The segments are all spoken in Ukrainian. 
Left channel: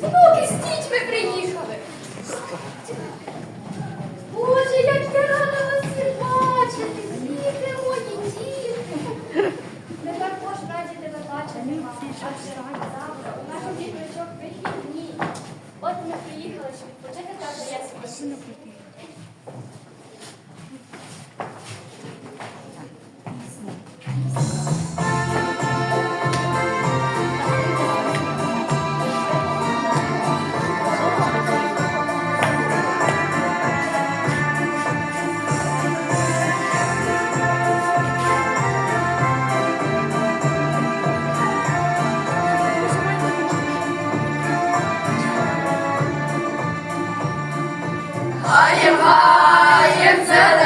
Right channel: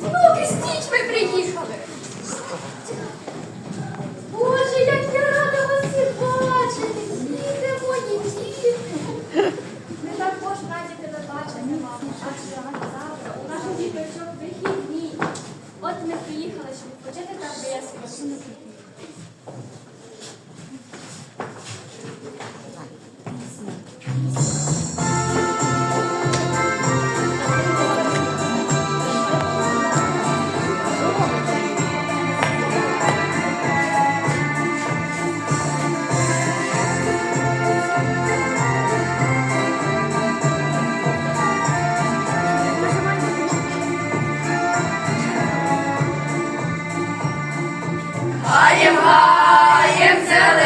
Внуки з дітьми приїхали. Боже, як я рада вас всіх бачити. Діти мої, діти. Ми також раді тебе бачити, мама. А завтра у наших діточок вихідні. От ми приїхали, щоб почати так, я себе. se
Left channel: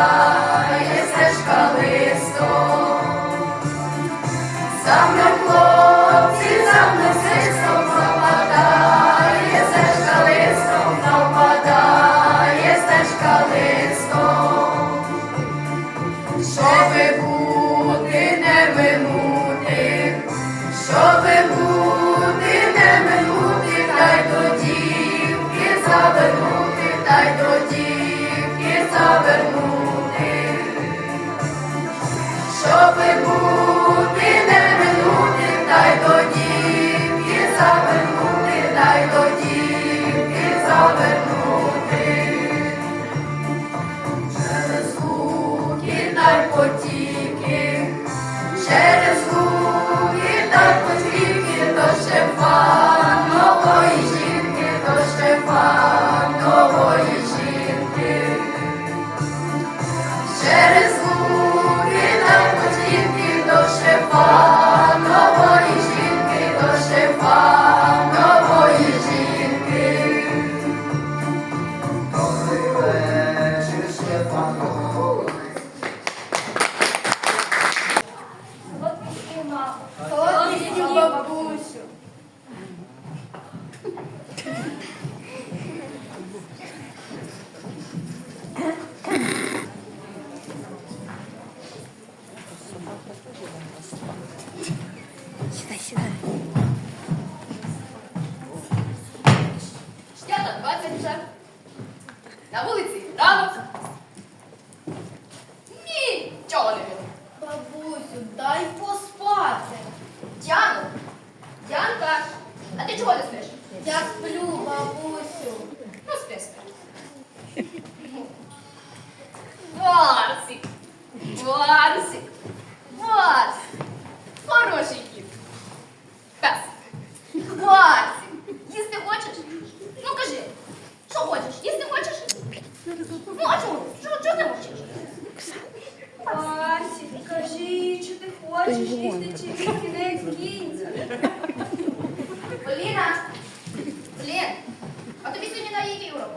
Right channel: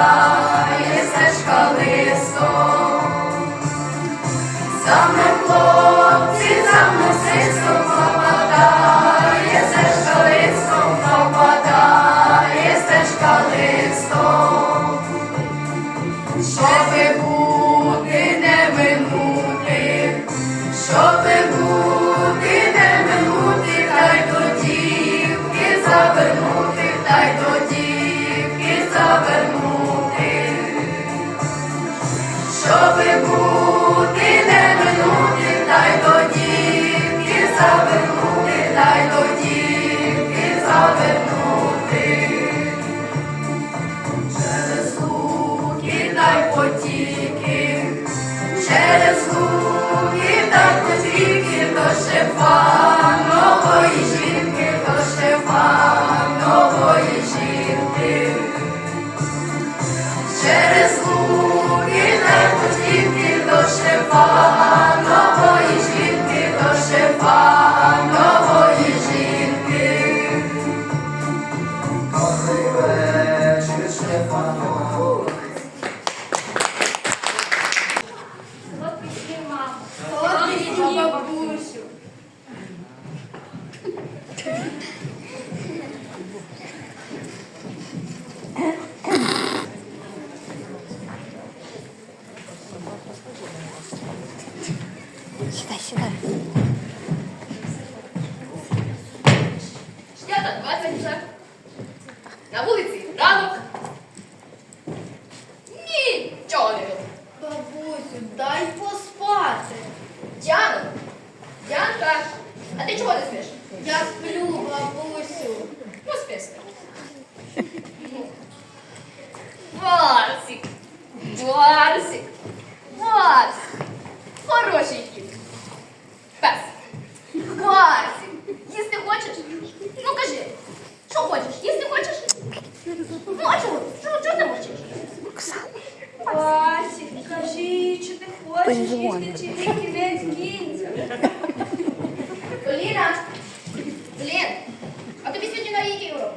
Senhor. Луки Сідай, сідай. П'ята двадцять вже. На вулиці ранок. Нічого не було. Бабусю, дай поспати. Діана, Діанка, а ти чого не спиш? Я сплю, бабусю. Ну, спи, спи. Барсик, Барсик. Хорошенький. Пес. Барсик, їсти хочеш? Ну, кажи, що хочеш? Їсти хочеш? Ну, а чого? Чого, чого ти мовчиш? Васі, кажи, чи ти хочеш їсти, чи ти кінець кінця? Поліна, Блін, а тобі сьогодні на який урок?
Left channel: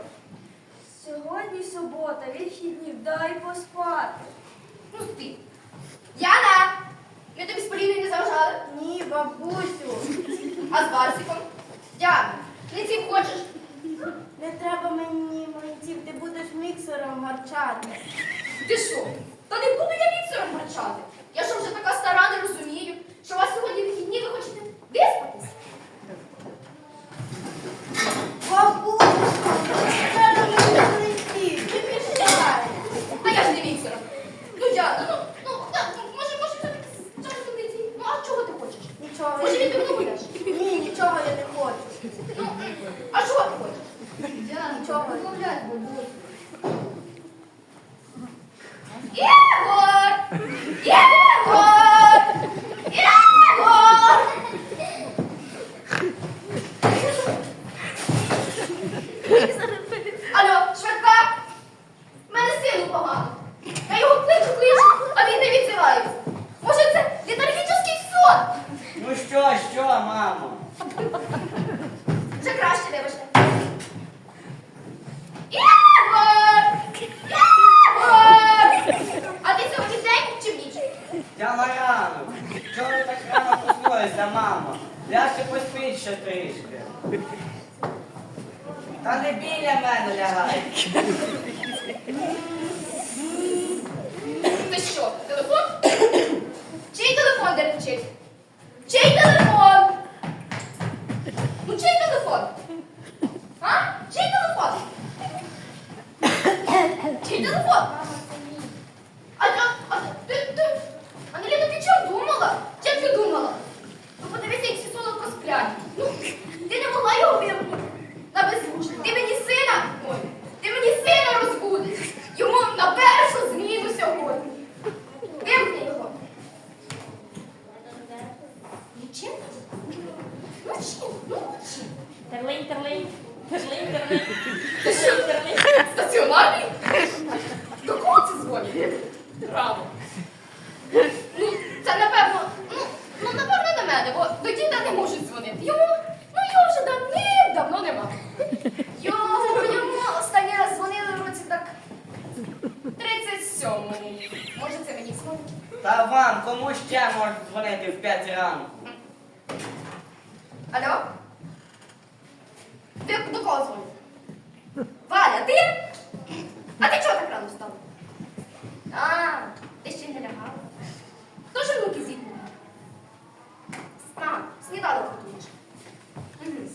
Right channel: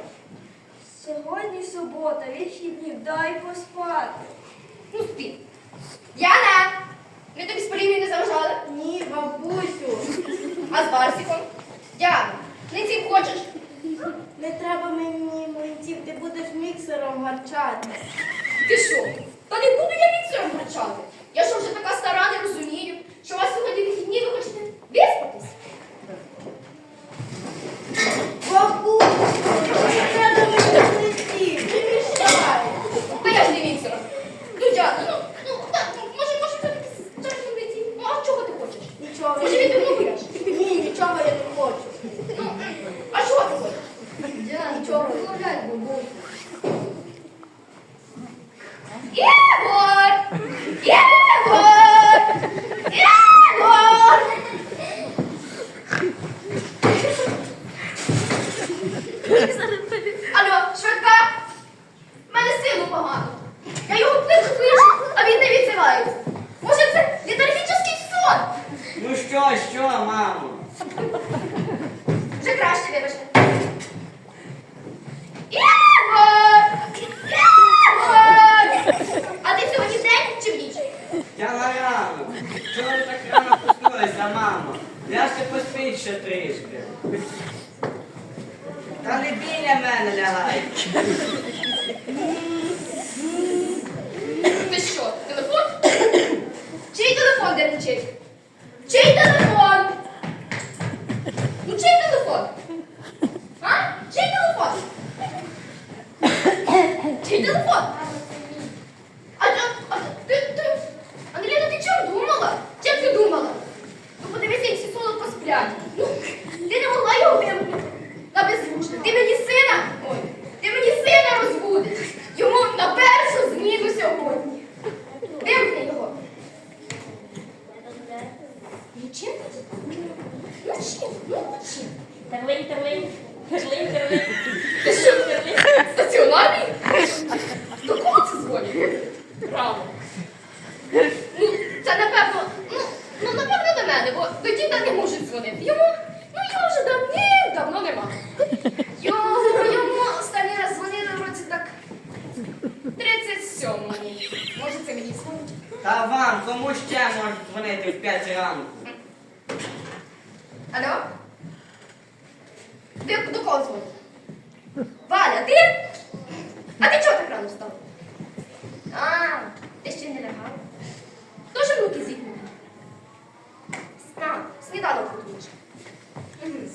Сьогодні субота, вихідні, дай поспати. Ну, спи. Яна, ми тобі з Поліною не заважали? Ні, бабусю, А з Барсиком? Діана, не ці хочеш? не треба мені млинців, ти будеш гарчати. Ти що? Та не буду я міксером гарчати. Я що вже така стара, не розумію, що у вас сьогодні вихідні, ви хочете виспатись? Та не біля мене лягай. Ти що, телефон? Чий телефон де лечить? Чий телефон? Алло? Ти до кого? Валя, ти? А ти чого так рано встав? А, ти ще не лягала. Хто ж руки зігнув? Стан, сніданок готуєш. Угу.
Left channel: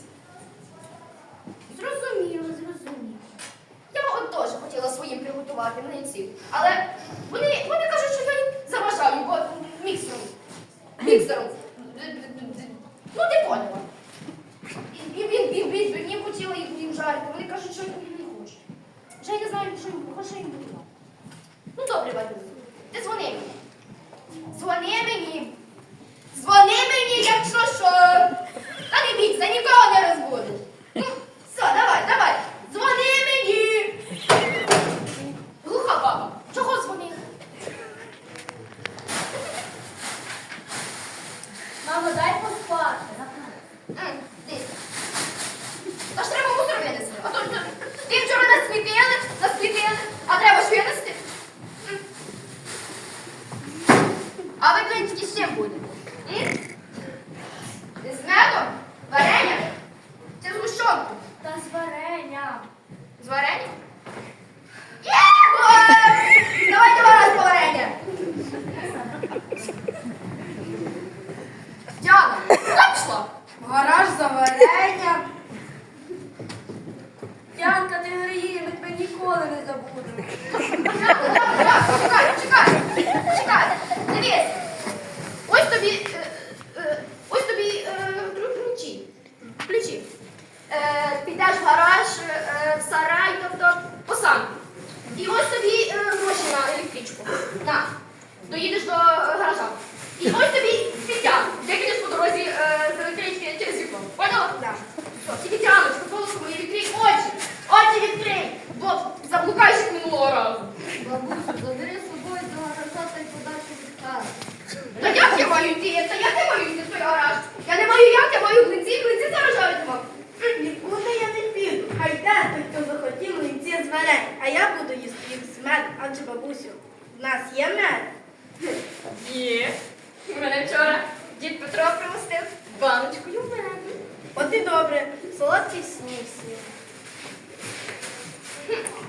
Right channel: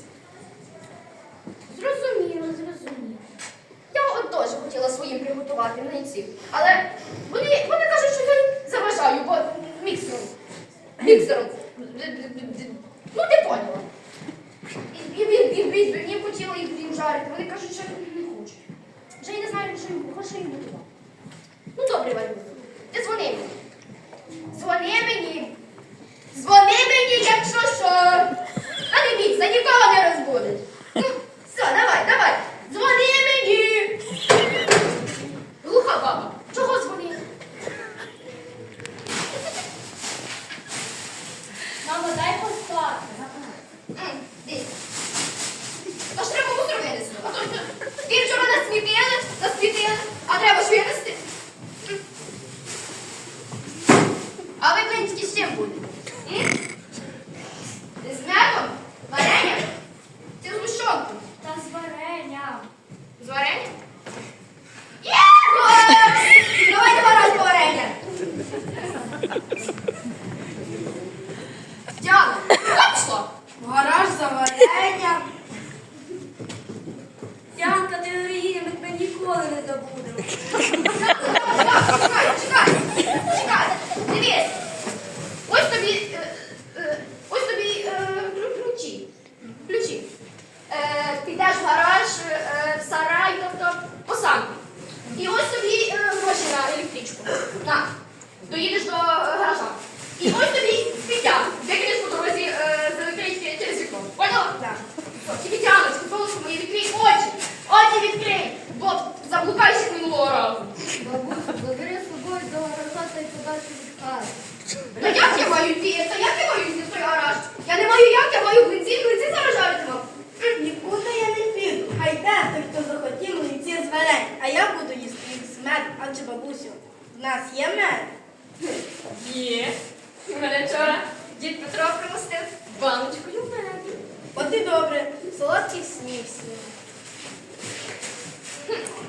Зрозуміло, зрозуміло. Я от теж хотіла своїм приготувати млинців. Але вони, вони кажуть, що я їм заважаю, бо міксером. Міксером ще буде? М? З медом? Варення? Це з мушонком? Та з варення. З варенням? Є! Гол! Давайте варення. Діана, куди гараж за варенням. Янка, ти не її, ми тебе ніколи не забудемо. з медом, адже бабусю, в нас є мед. Є. У Мене вчора дід Петро примостив баночкою меду. От і добре, солодкий сніг сніг.